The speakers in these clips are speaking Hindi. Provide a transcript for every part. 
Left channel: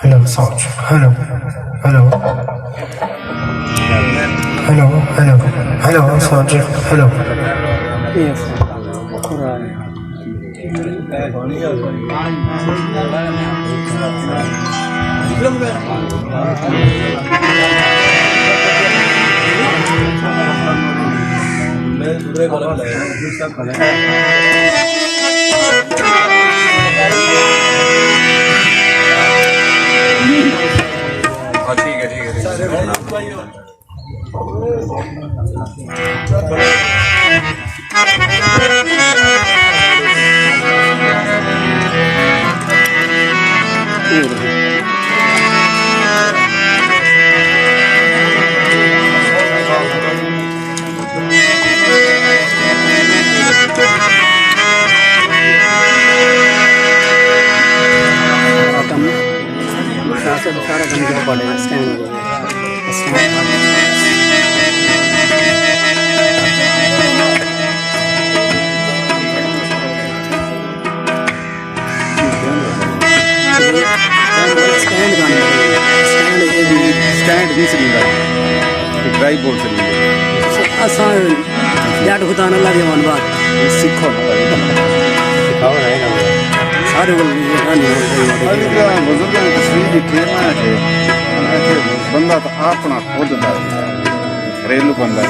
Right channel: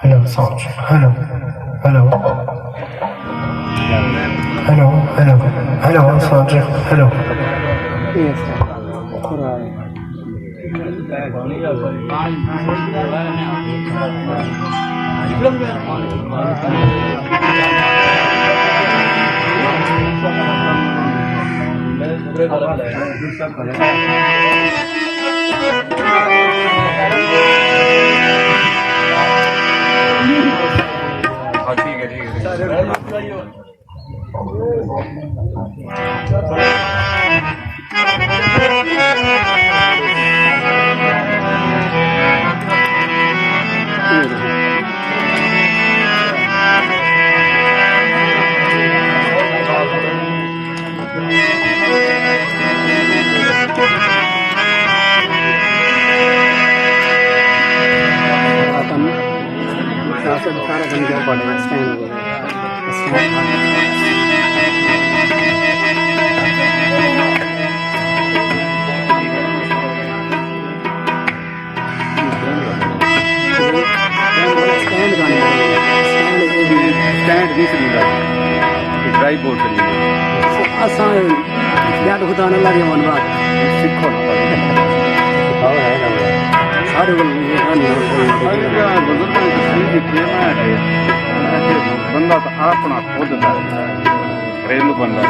Hello sound hello hello hello hello hello sound hello ठीक है सारा दिन क्या पड़ेगा स्टैंड हो स्टैंड नहीं चलेगा ड्राई बोल चलेगा जाट खुदाने लगे मन बात सीखो सारे बंदा तो आतना खुद घरेलू बंदा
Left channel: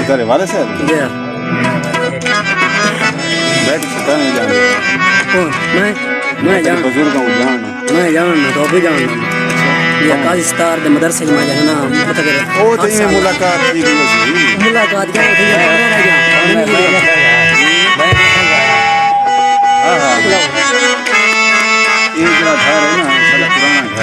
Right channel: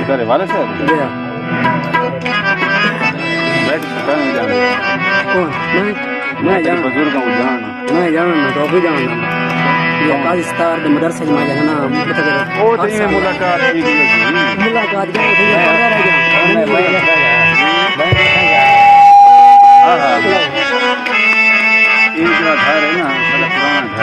यार वाले सर मैं जाऊँ बुजुर्ग मैं तो भी जाऊँ ये पाकिस्तान के मदरसे में जाना ओ तो ये मुलाकात की गई मुलाकात क्या होती है एक घर है ना साला पुराना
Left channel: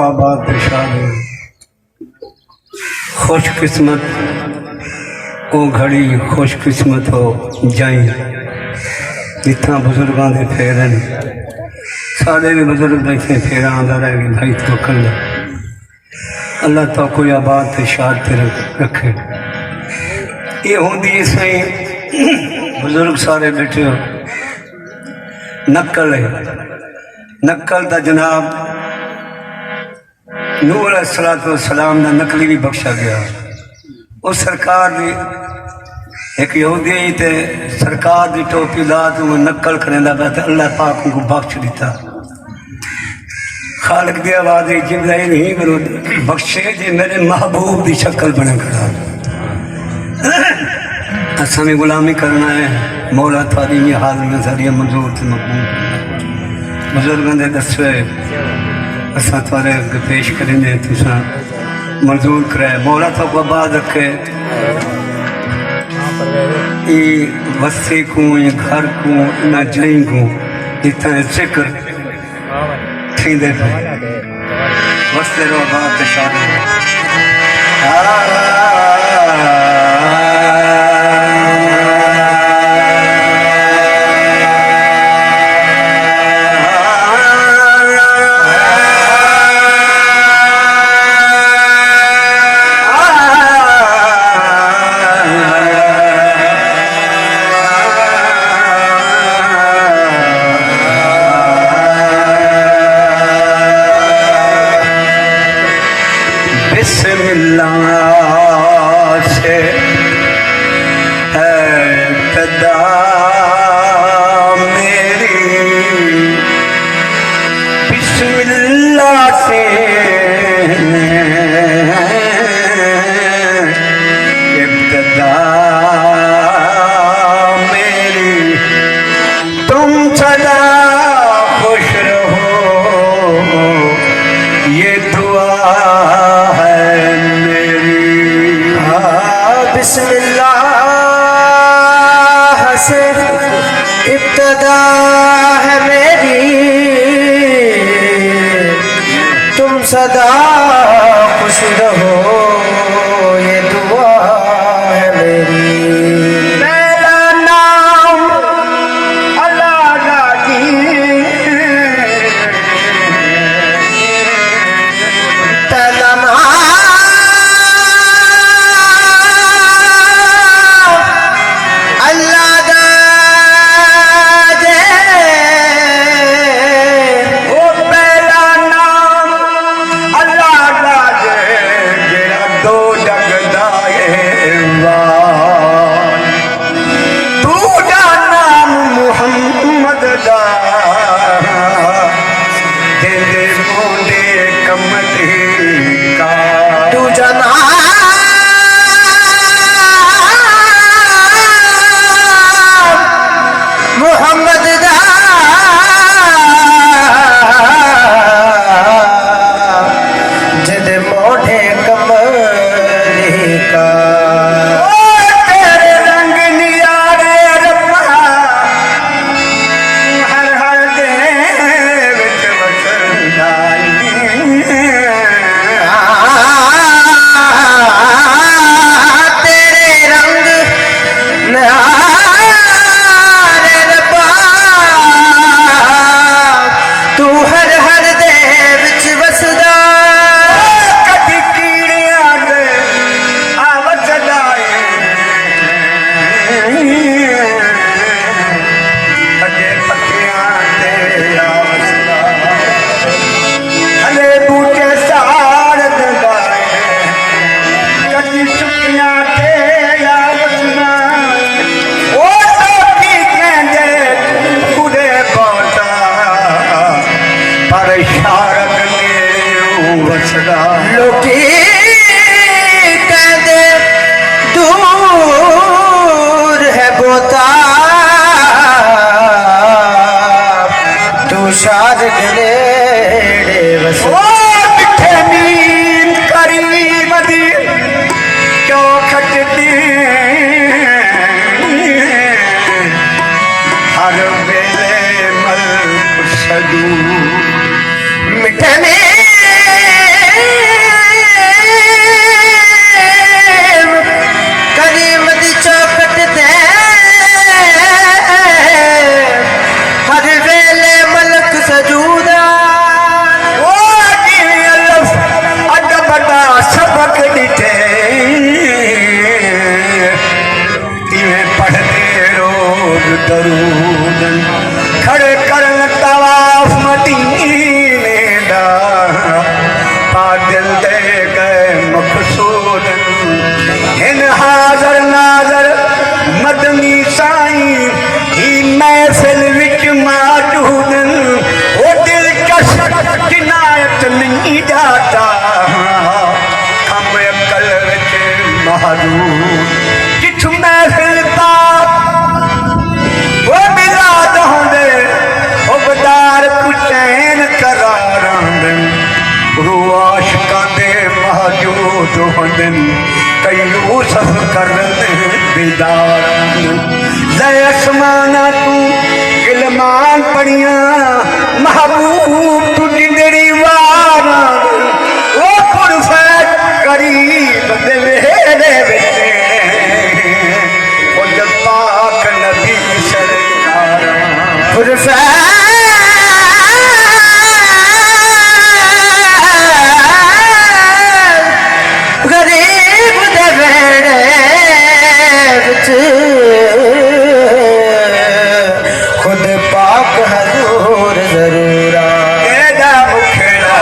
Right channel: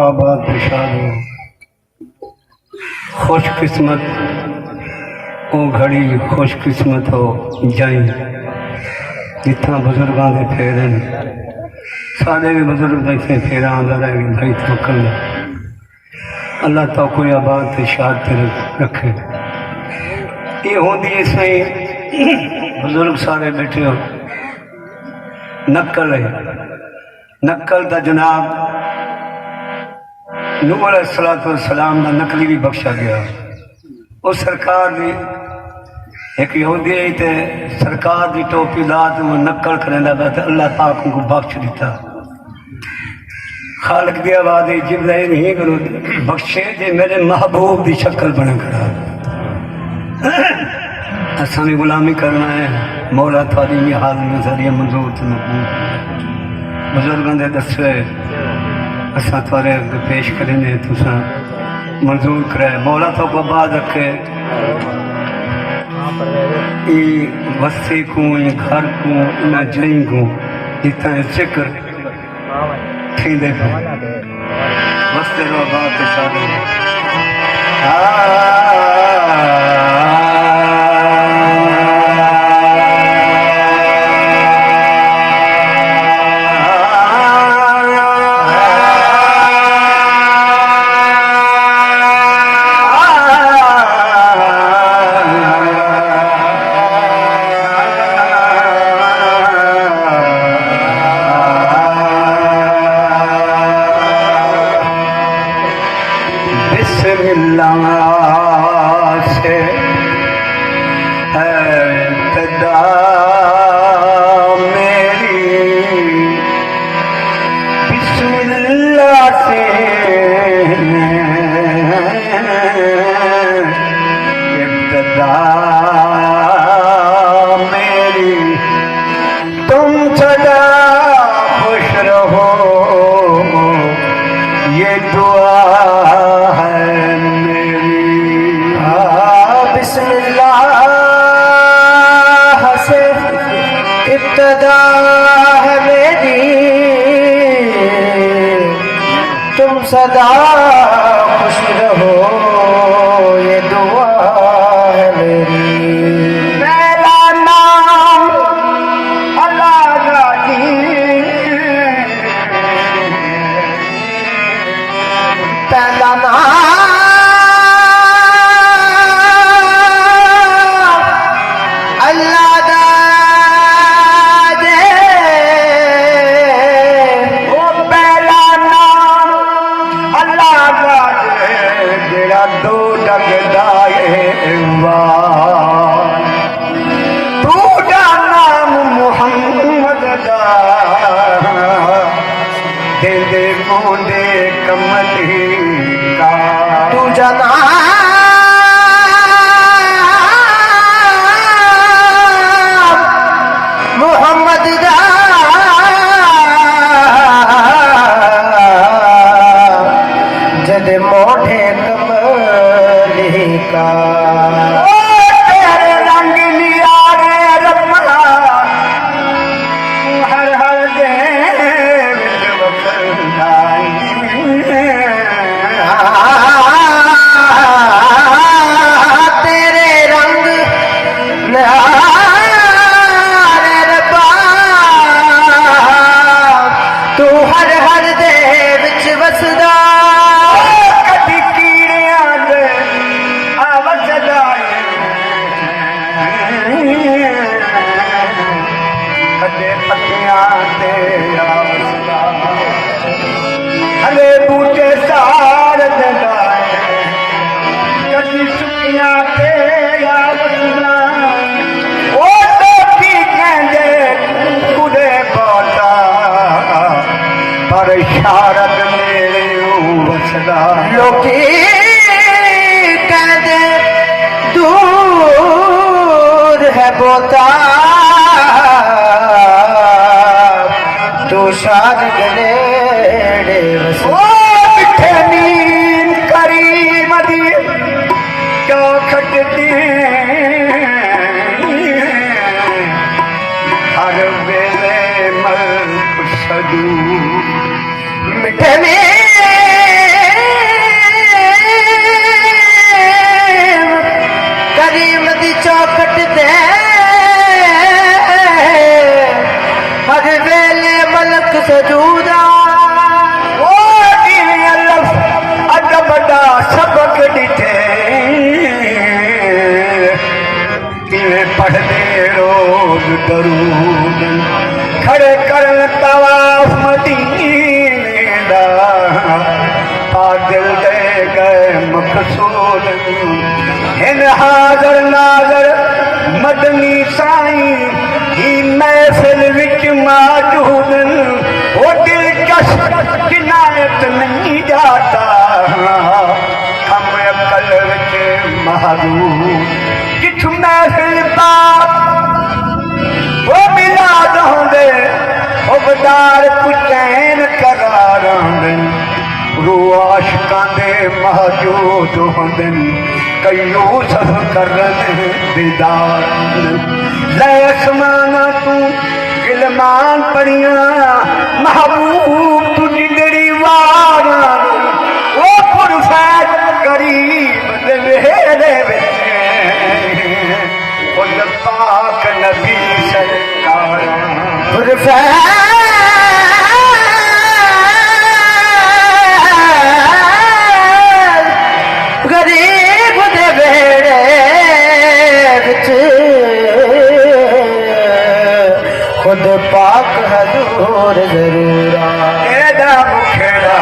आबाद खुशहाली खुशकिस्मत ओ घड़ी खुशकिस्मत हो जाई जितना बुजुर्गों के फेरे ने साढ़े भी बुजुर्ग इतने फेरा आंदा रह गया भाई तवक्कल अल्लाह तो कोई आबाद ते शाद ते रखे। ये होंदी सही बुजुर्ग सारे बैठे हो। नकल है, नकल दा जनाब नूह अलैहिस्सलाम दा नकली भी बख्शा गया। उस सरकार दी एक यहूदी ते सरकार दी टोपी ला तो नकल करेंदा पिया ते अल्लाह पाक को बख्श दिता। खालिक दी आवाज़ जिब्राइल ही करो बख्शे जे मेरे महबूब की शक्ल बने खड़ा। असा भी गुलामी करना है। मौला थारी भी हाल में सारी मंजूर से मकबूल। बुजुर्गों के दसे असा थोड़े अगे पेश करेंगे, तुसा मंजूर कराए। मौला तो को आबाद रखे। वस्ती को घर को इन्हें जई को जितना जिक्र थींदे पे वस्ते रो बात शादी से है तदा मेरी बिस्मिल्लाह से इब्तिदा मेरी। तुम सदा खुश रहो ये दुआ से इब्तिदा है मेरी। तुम सदा खुश रहो ये दुआ है मेरी। मेरा नाम अल्लाह का दीन, तेरा नाम अल्लाह दा जे ओ पहला नाम अल्लाह दा जे जेड़ा दो जगदा है वाह। दूजा नाम मुहम्मद दा तेरे मोंदे कमली का। दूजा नाम मोहम्मद दा जद मोढ़े कमली का। तेरे रंग नियारे रब्बा हर हर दे विच वसदा। तेरे रंग तू हर हर दे विच वसदा। कदी कीड़ियां दे आवजदा अगे पत्तियां ते आवजदा। हले बूटे साड़ ददा कदी चुकियां ते आवजदा। ओ तो की कहंदे बुरे बाता पर शारद मेरे वसदा। लोकी कहते दूर है बोता तू शारद नेड़े वसदा। मिठे नींद करीम दी क्यों खटती हर वेले मल सदू। मिठे में करीम दी चौखट दे हर वेले मलक सजूदा। दरूद खड़े करन तवाफ मदीने दा पा दिल दे गए मकसूद हिन हाज़र नाज़र मदनी साईं ही महफिल विच मौजूद वो दिलकश किनायत नहीं जाता हम अकल विच महदूद किथ महफिल ता वो मिलाद होंदे वो बदार कुचैन करारांद रू आशिकां दे महजूद होंदन कई यूसुफ करन दीदार ले आसमाना तू गिलमान पड़ियां महबूब तू जिंदड़ी वारां ओ पुरफैत करीब दे वेड़े विच ओ जद पाक नबी सरकार पुरफैत गरीब दे वेड़े विच खुद पाक हजूर जरूर एदा मुखड़ा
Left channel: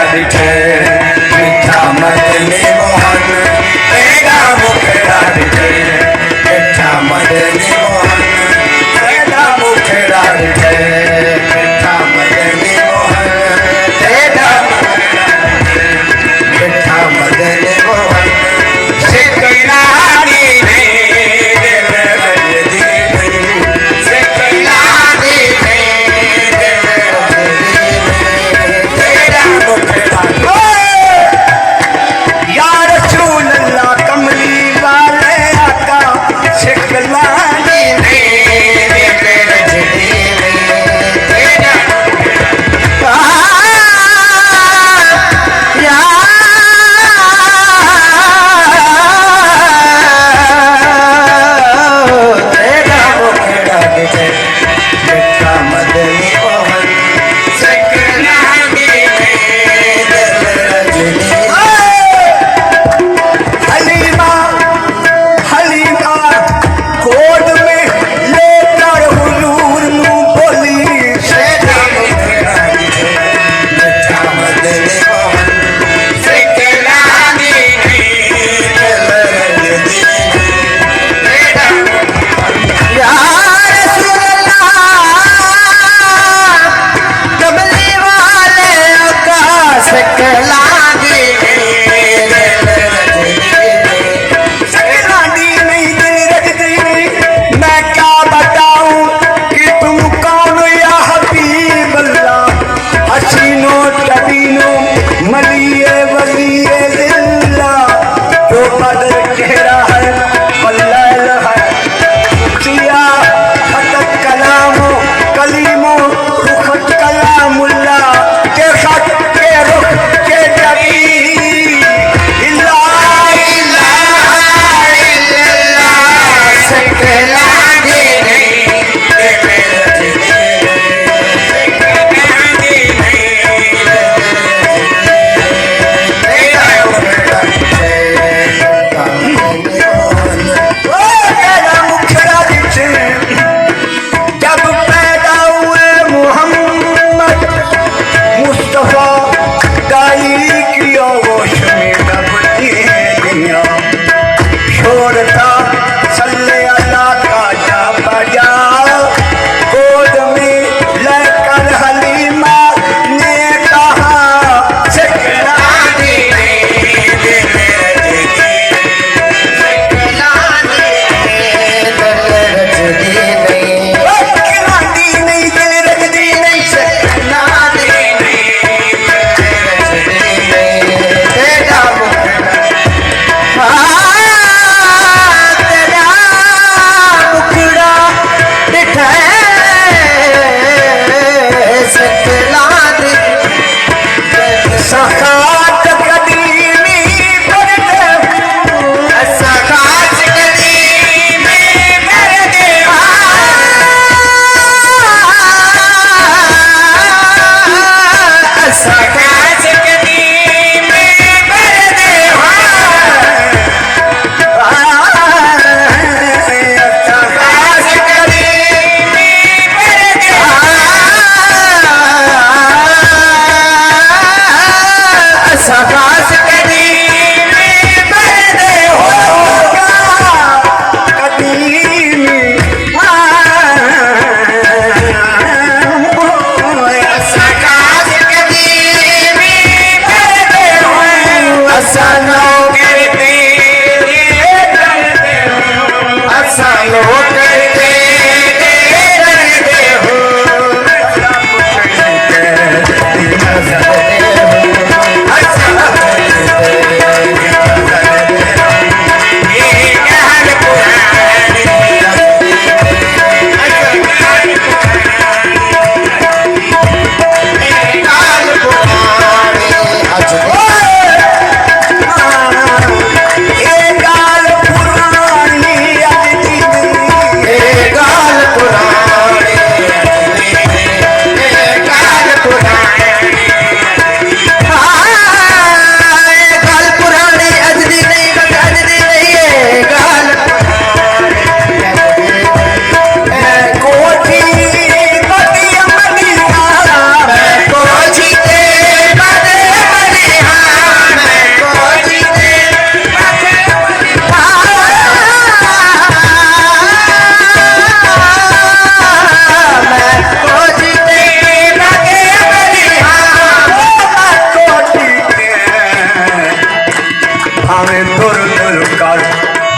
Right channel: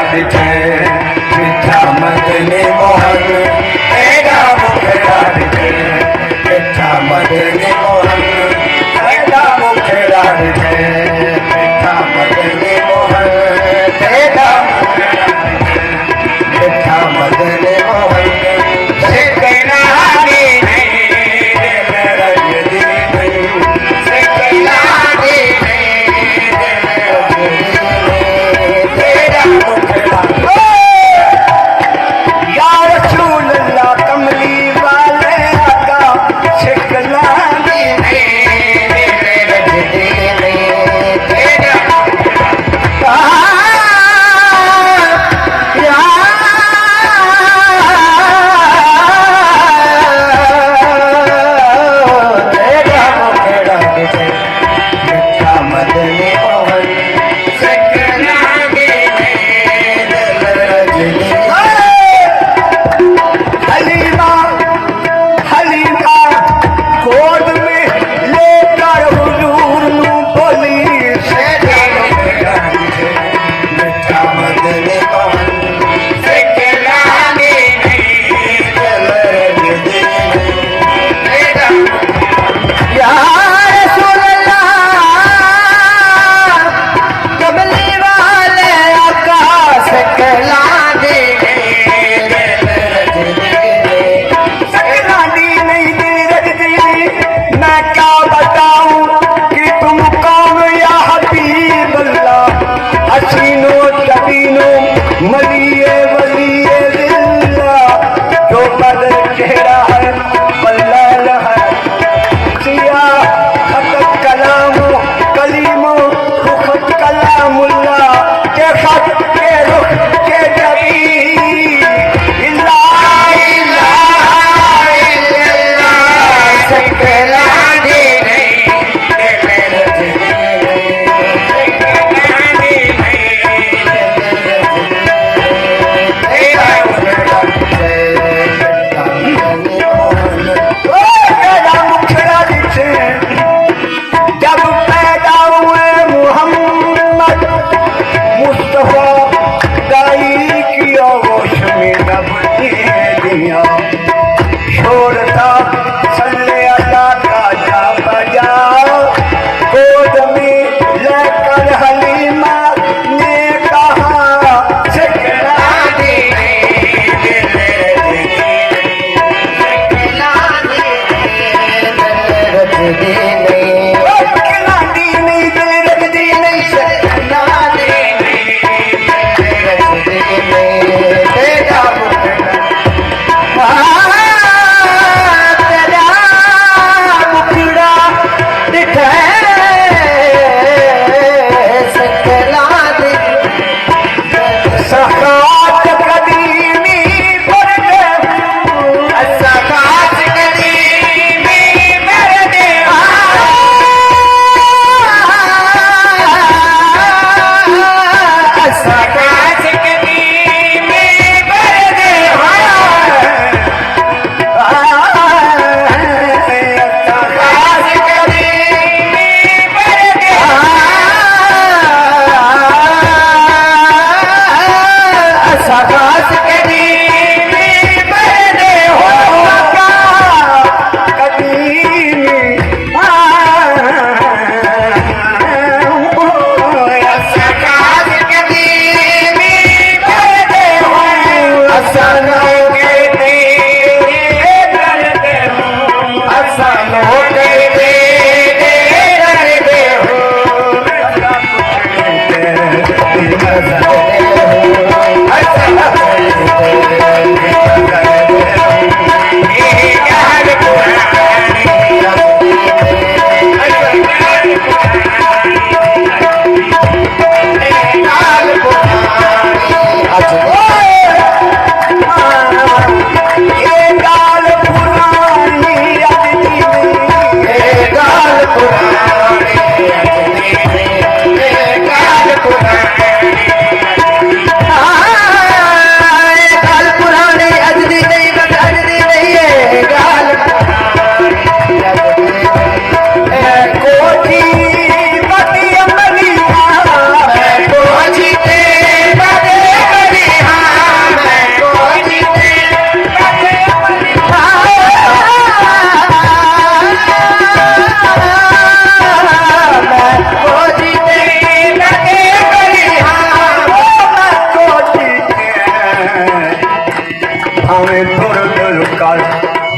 भावे दूर दूर कर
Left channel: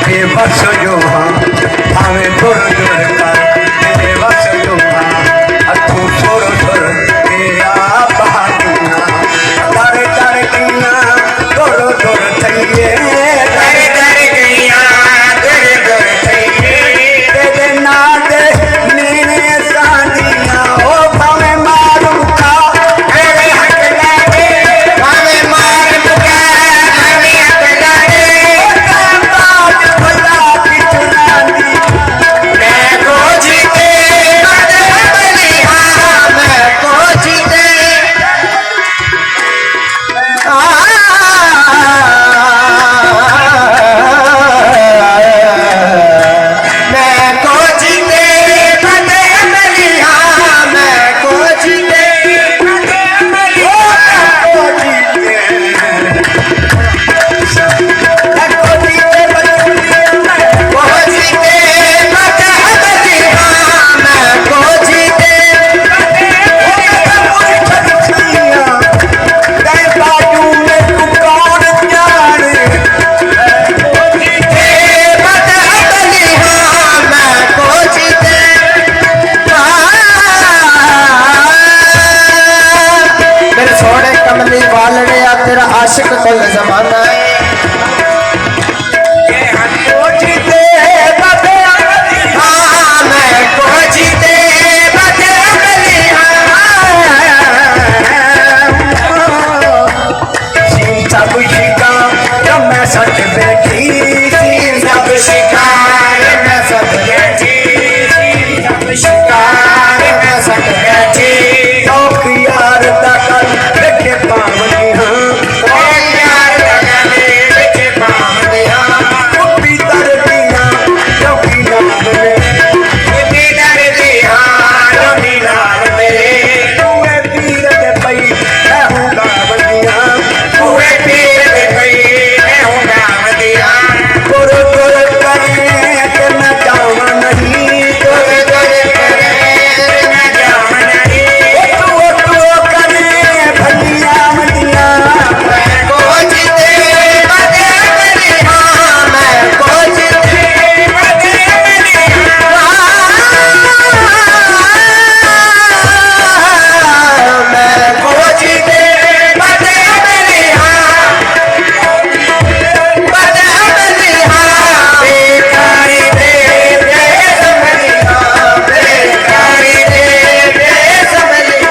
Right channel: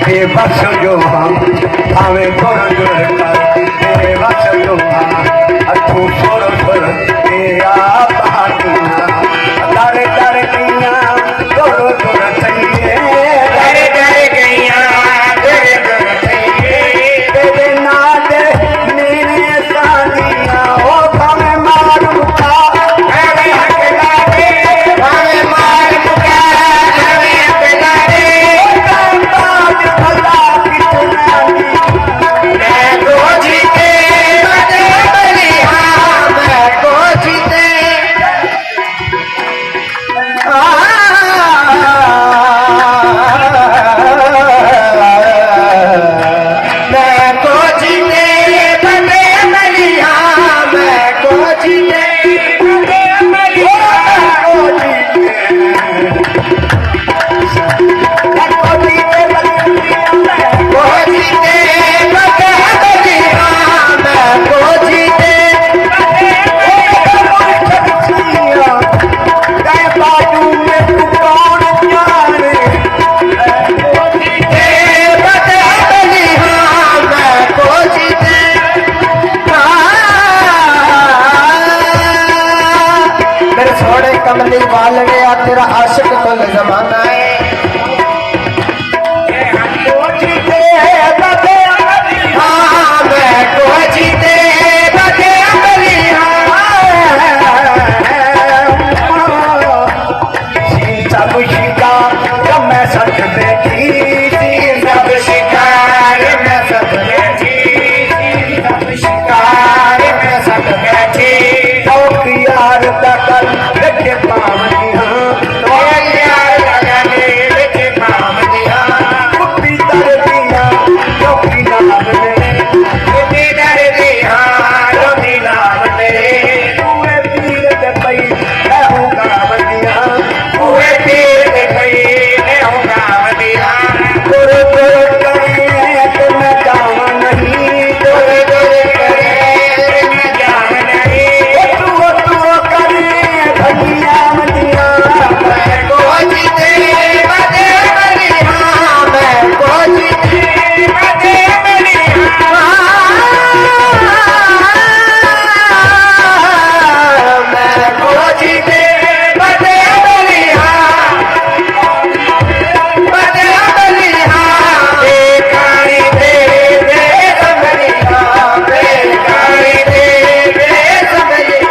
बेबस जो हाँ भावे दूर दूर कर बेबस जो हाँ अथू सुर सुर के आप हाथना दर दर किया दूर दूर चाहिए दर दर किया दूर दूर चाहिए तेरे नाद मेरे सादिया ओ भावे मार मुका भावे हक लागे भावे मार मुका भावे हक लागे कांबाज भला की चुनावी मैं को जीते बदे बलिया मैं को जीते मैं को जीते बदे बलिया मैं को जीते बदे बलिया को जीते मैं को जीते बदे मैं को जीते बदे बलिया मैं को जीते तेरे बाजू में तू कौन जाने जीते बदे बलिया मैं को जीते मेरे सोने कमली वालड़े आ तेरा आशिक कुल जमाना है को जीते बदे बलिया मैं को जीते बदे बलिया सब शिकार मैं सच बैठी सब शिकार मैं सब बैठी सब शिकार मैं सच बैठी तो यार तकल बेटे पावनी हूँ तो यार तकल बेटे पावनी हूँ कुटी तर दिया तो की नाम मेरे कुटी तर दिया तो की नाम मेरे तूने तीर दे पई मैं हूँ गावदिया तूने तीर दे पई मैं हूँ गावदिया तुर तुर करे कि मैं जावा नहीं तुर तुर करे मैं जावा नहीं तू करे भलिया मदिया मैं को जीते बदे बलिया मैं को जीते बदे बलिया मैं को जीते बदे बलिया बदे बलिया बेकारी दे संभलिया बेकारी दे संभलिया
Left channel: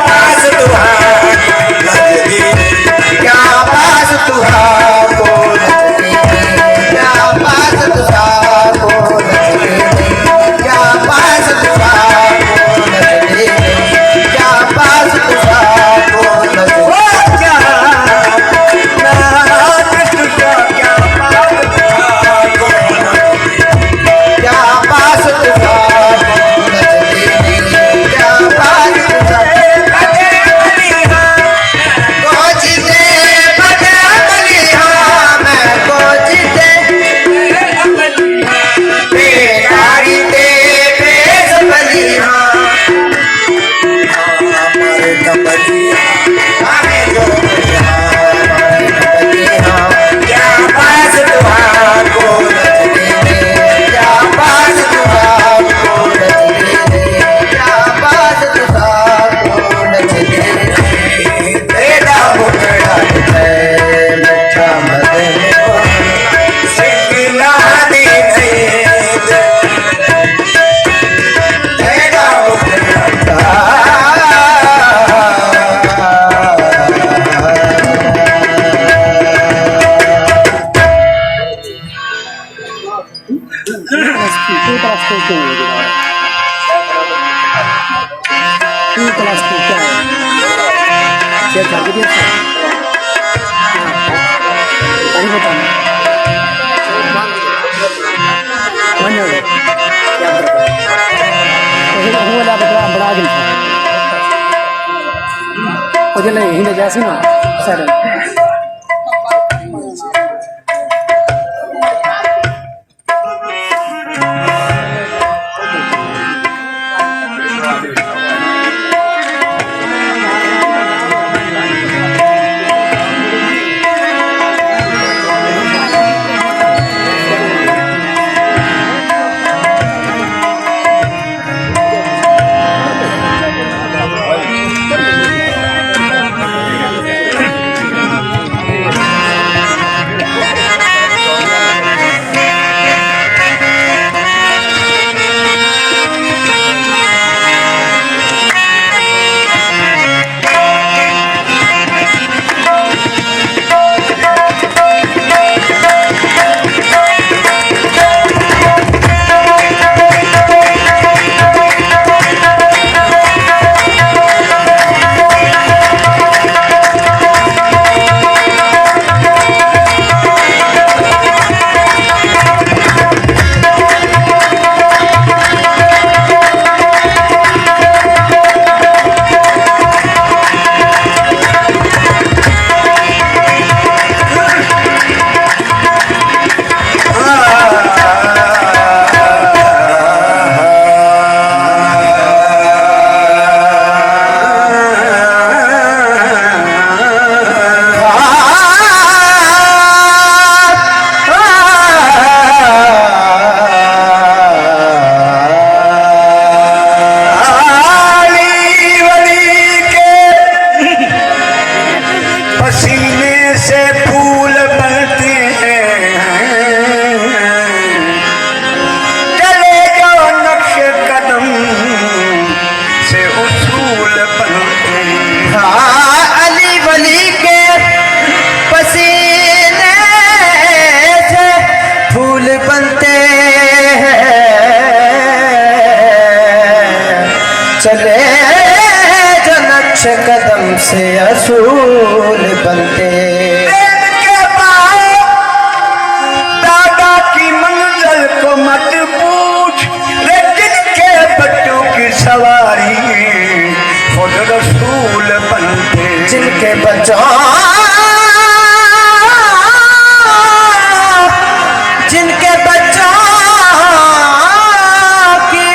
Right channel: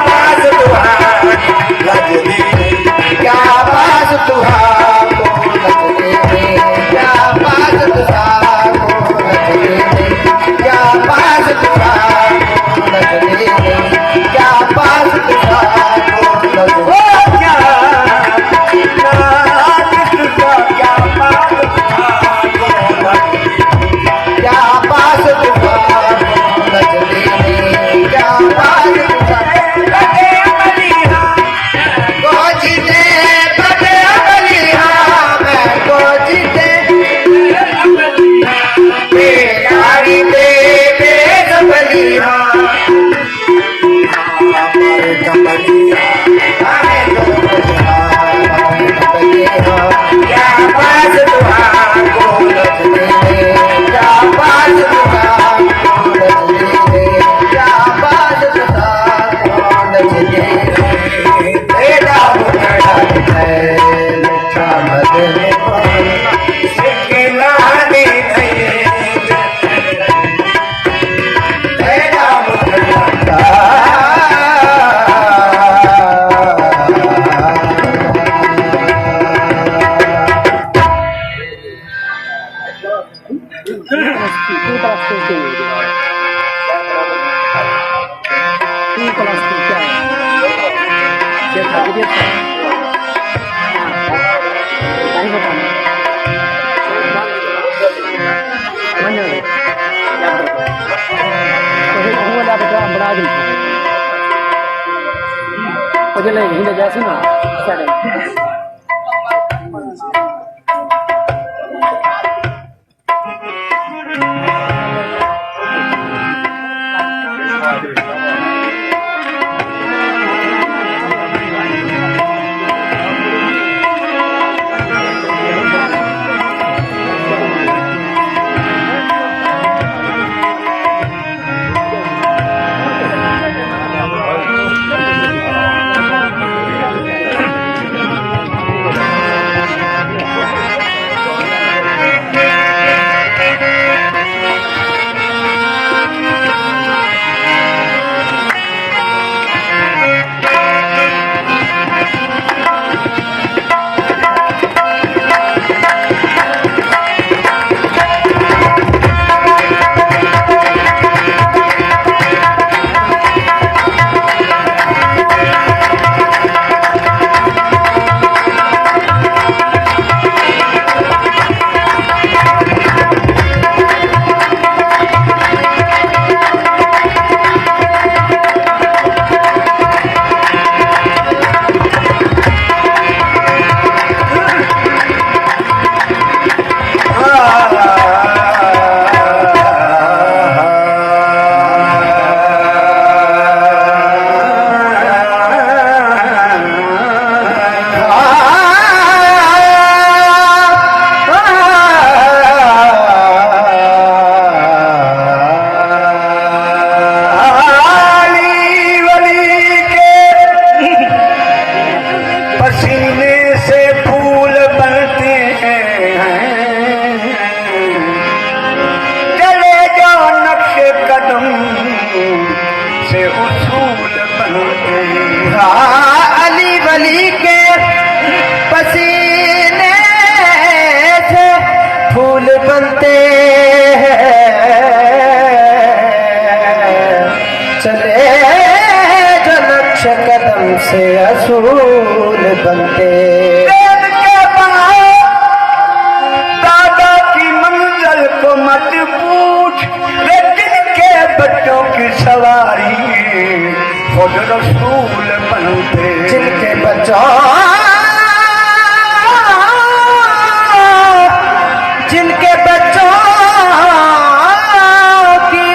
पास तुहार लजदी क्या पास तुहार को लजदी क्या पास तुहार को लजदी क्या पास तुहार को लजदी क्या पास तुहार को लजदी क्या नाम तुझा क्या पास तुहार को लजदी क्या पास तुहार को लजदी क्या पास तुहार बदे बलिया को जीते बदे बलिया मैं को जीते बेकारी दे बेस बलिया हमारे कमलिया हमें को हमारे कमलिया क्या पास तुहार को लजदी क्या पास तुहार को लजदी क्या पास तुहार को लजदी तेरा मुखड़ा है लच्छा मदन सिकला दे तेरा मुखड़ा ಹಿಂದೆ ಜಾಸ್ತಿನ ಸರಿ कदम से असूल बनते। दादा की मंजिल को मत पूछ, लेकिन के बच्चों की सवारी खुद रसूल बनते। जिनके बच्चों की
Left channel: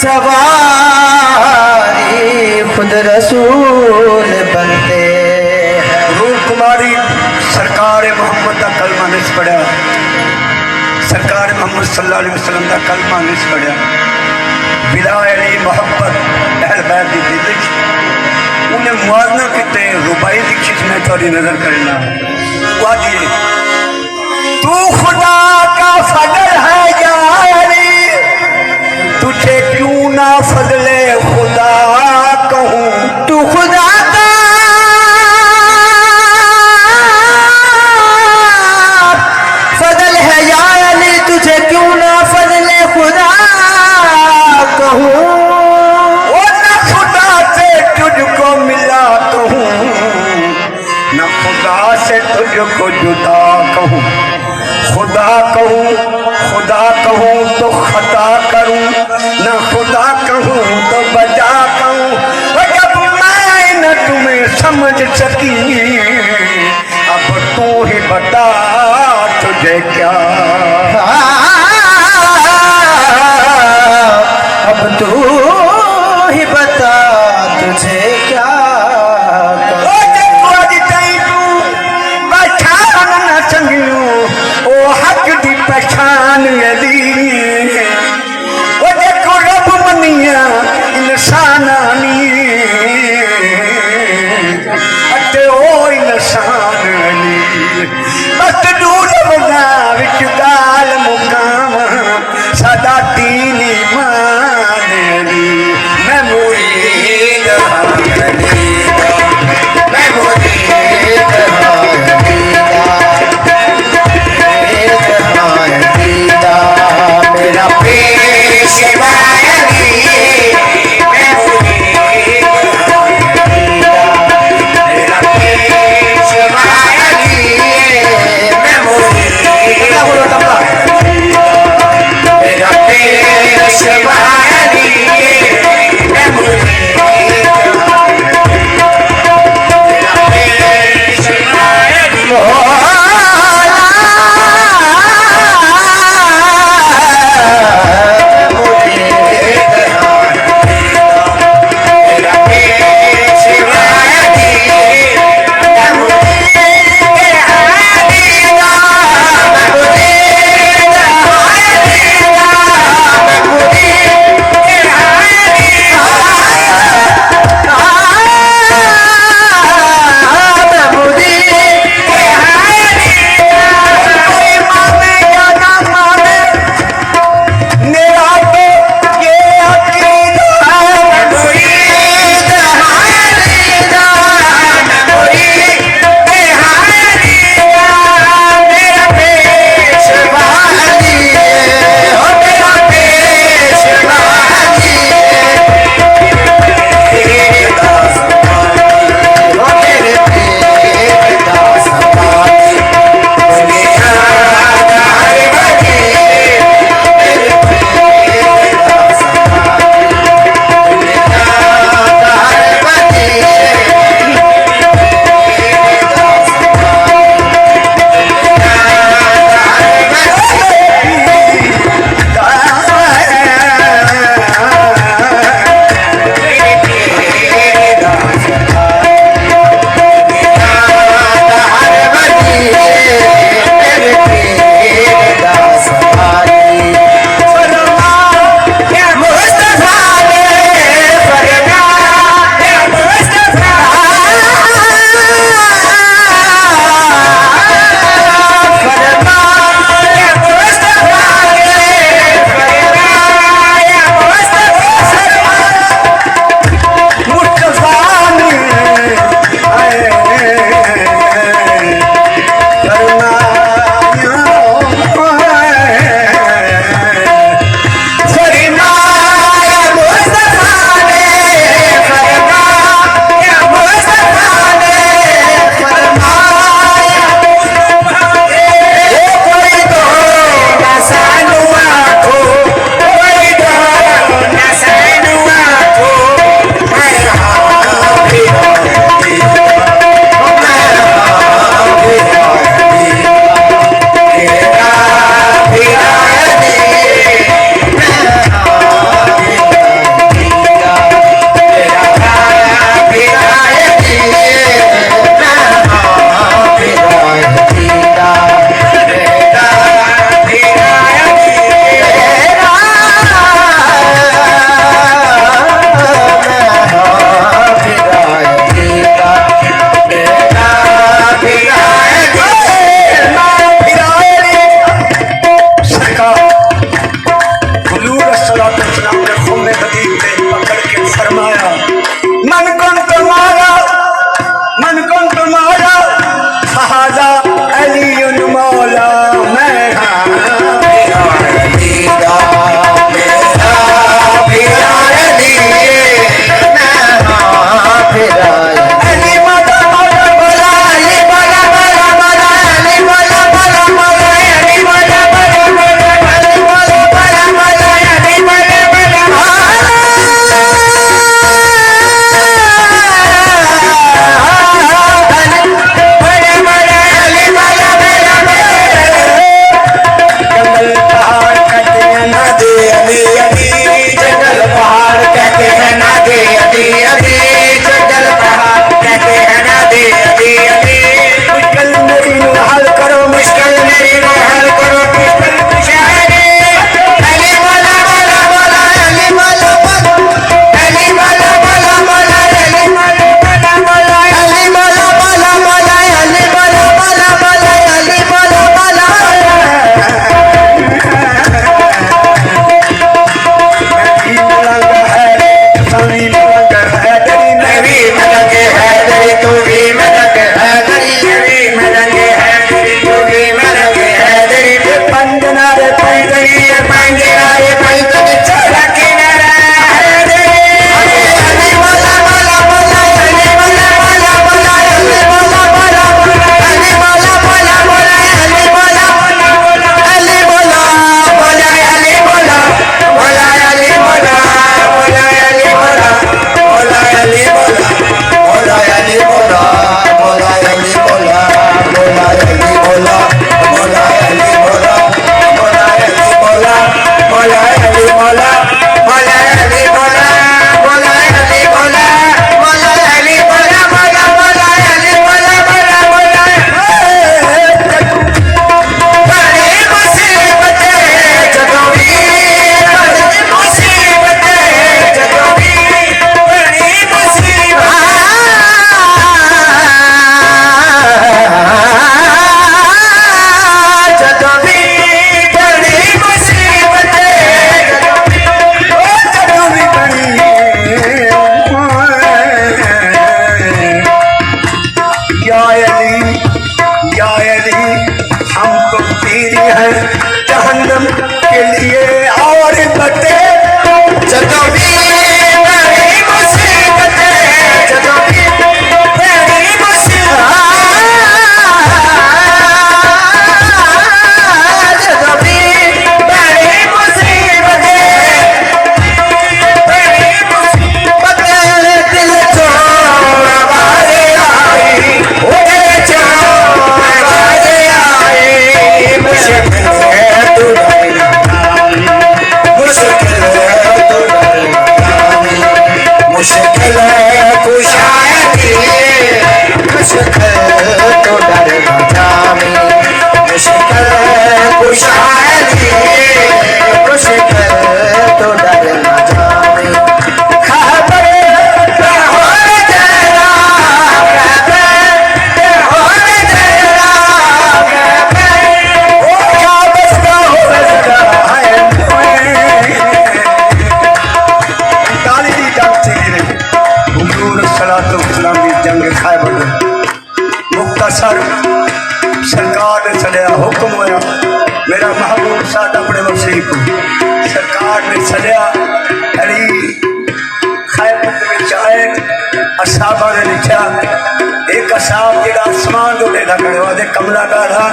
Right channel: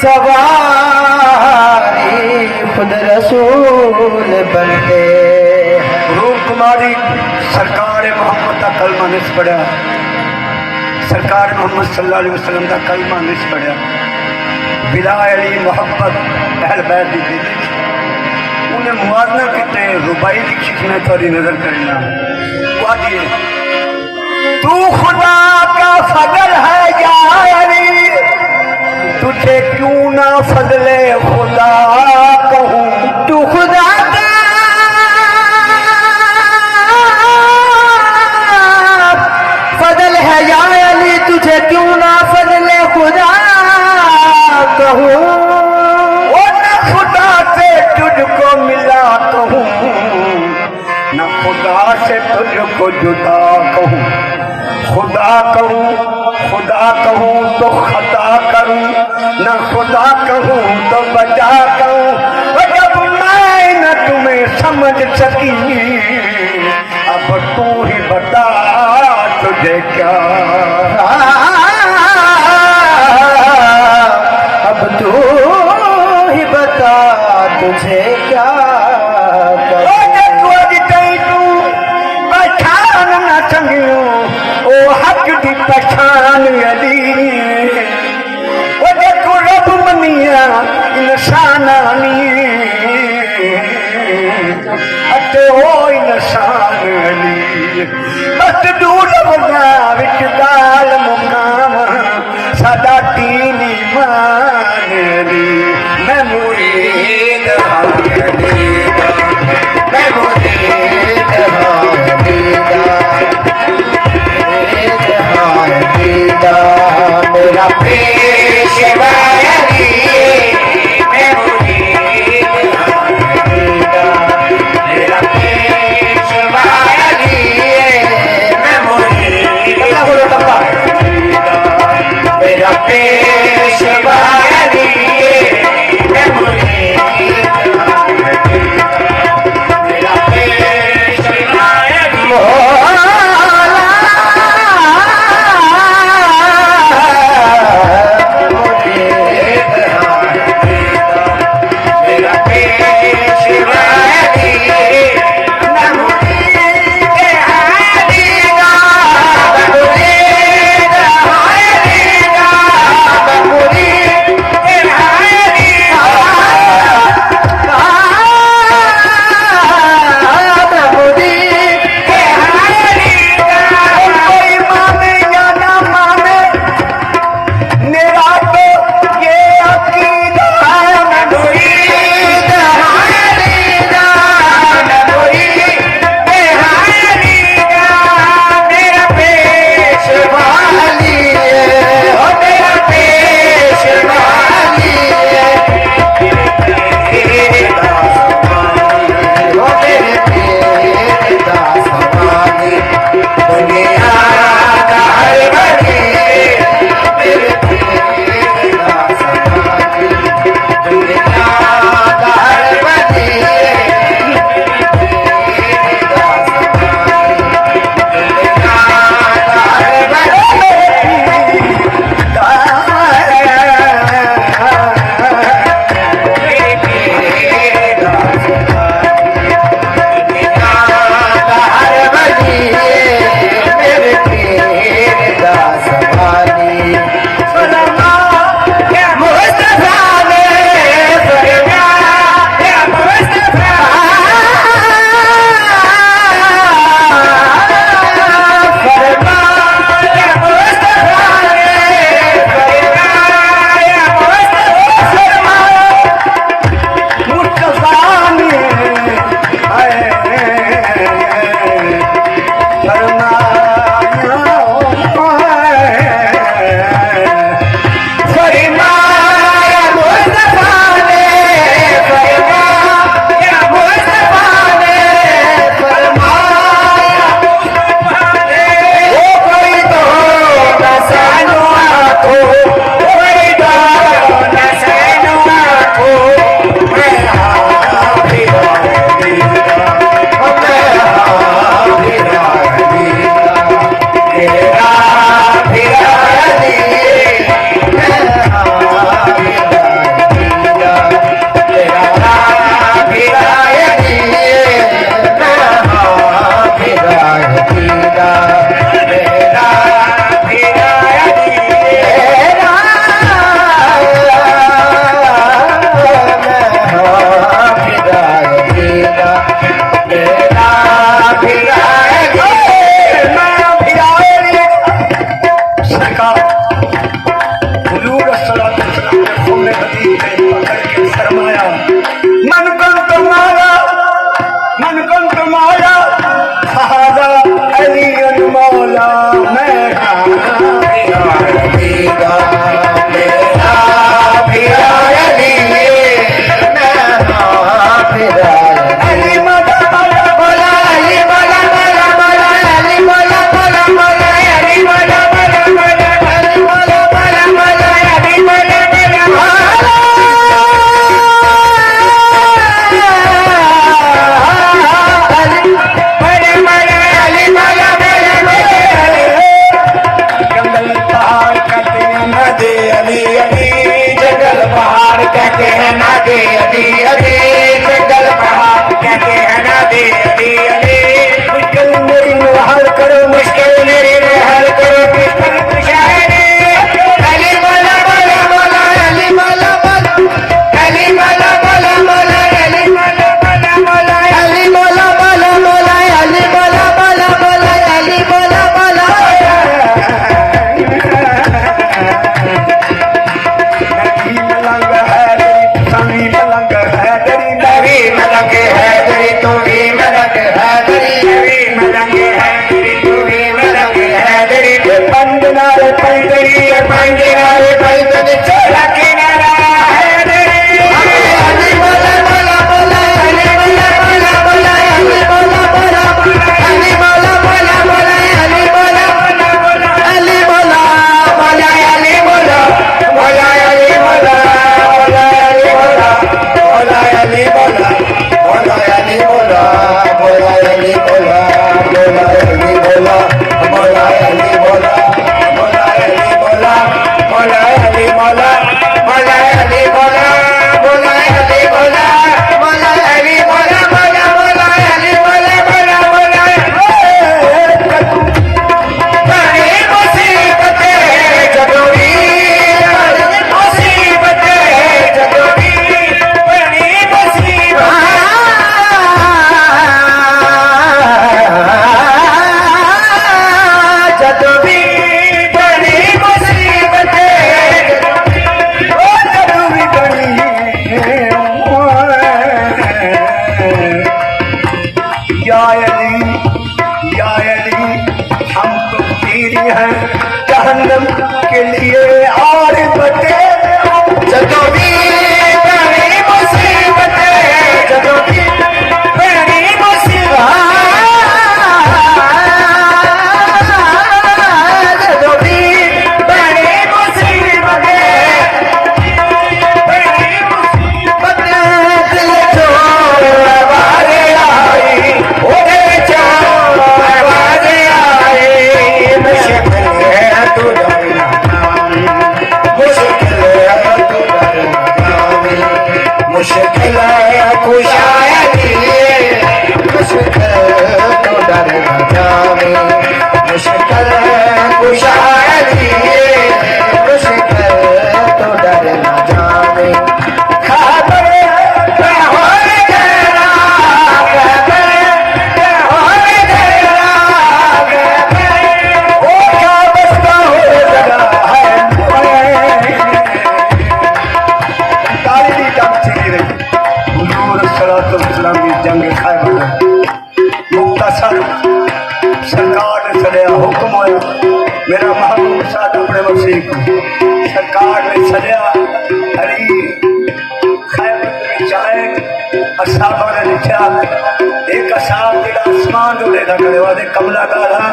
सवारी खुद रसूल बनते। रूप कुमारी सरकार मोहम्मद का कलमा नहीं पढ़ा, सरकार मोहम्मद सल्लल्लाहु अलैहि वसल्लम का कलमा नहीं पढ़ा। विलायली मोहब्बत अहल बैत की दिल उन्हें मुआवजा कितने रुबाई लिखी में थोड़ी नजर करना। तू खुदा का फजल है यारी, तुझे क्यों ना फजले खुदा कहूँ। तू खुदा का फजल है या अली, तुझे क्यों ना फजले खुदा कहूँ। वो न खुदा से तुझको मिला कहूँ, न खुदा से तुझको जुदा कहूँ। खुदा कहूँ तो खता करूँ, न खुदा कहूँ तो बजा कहूँ। जब मैं न तुम्हें समझ सकी, अब तू ही बता तुझे क्या। अब तू ही बता तुझे क्या। पहचान अली वो देखो रब मनिया इंसानानी अते ओ इंसान अली बस दूर बगा विच गाल मुकाम सादा दीन ईमान अली। मैं मुरीद अली, मैं मुरीद मेरा पेशवा अली, मैं मुरीद मेरा पेशवा अली, मैं हैं ना दे अभी अभी जंगल पहाड़ कहते हैं ना दे अभी अभी मुश्किल मेरी नो हल करो मुश्किल मेरी नो हल करो शायरी अली मौला मौला मौला अली मौला मौला अली मौला मौला मौला अली मौला मौला मौला अली मौला मौला मौला अली मौला मौला मौला अली मौला मौला सरकार ने सड़िया हुक्म होया मेरा महबूब साहब अपने वसी को सरकार ने सड़िया अली खैबर आए असाबा ने लिखा एक असाब जो आसमान तो लेता खड़े हुआ कमला डाला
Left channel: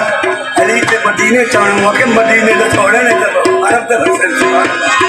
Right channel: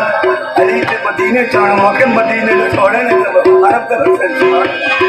अली के मदीने चाहने मौके मदीने तो छोड़े नहीं तो अरब तक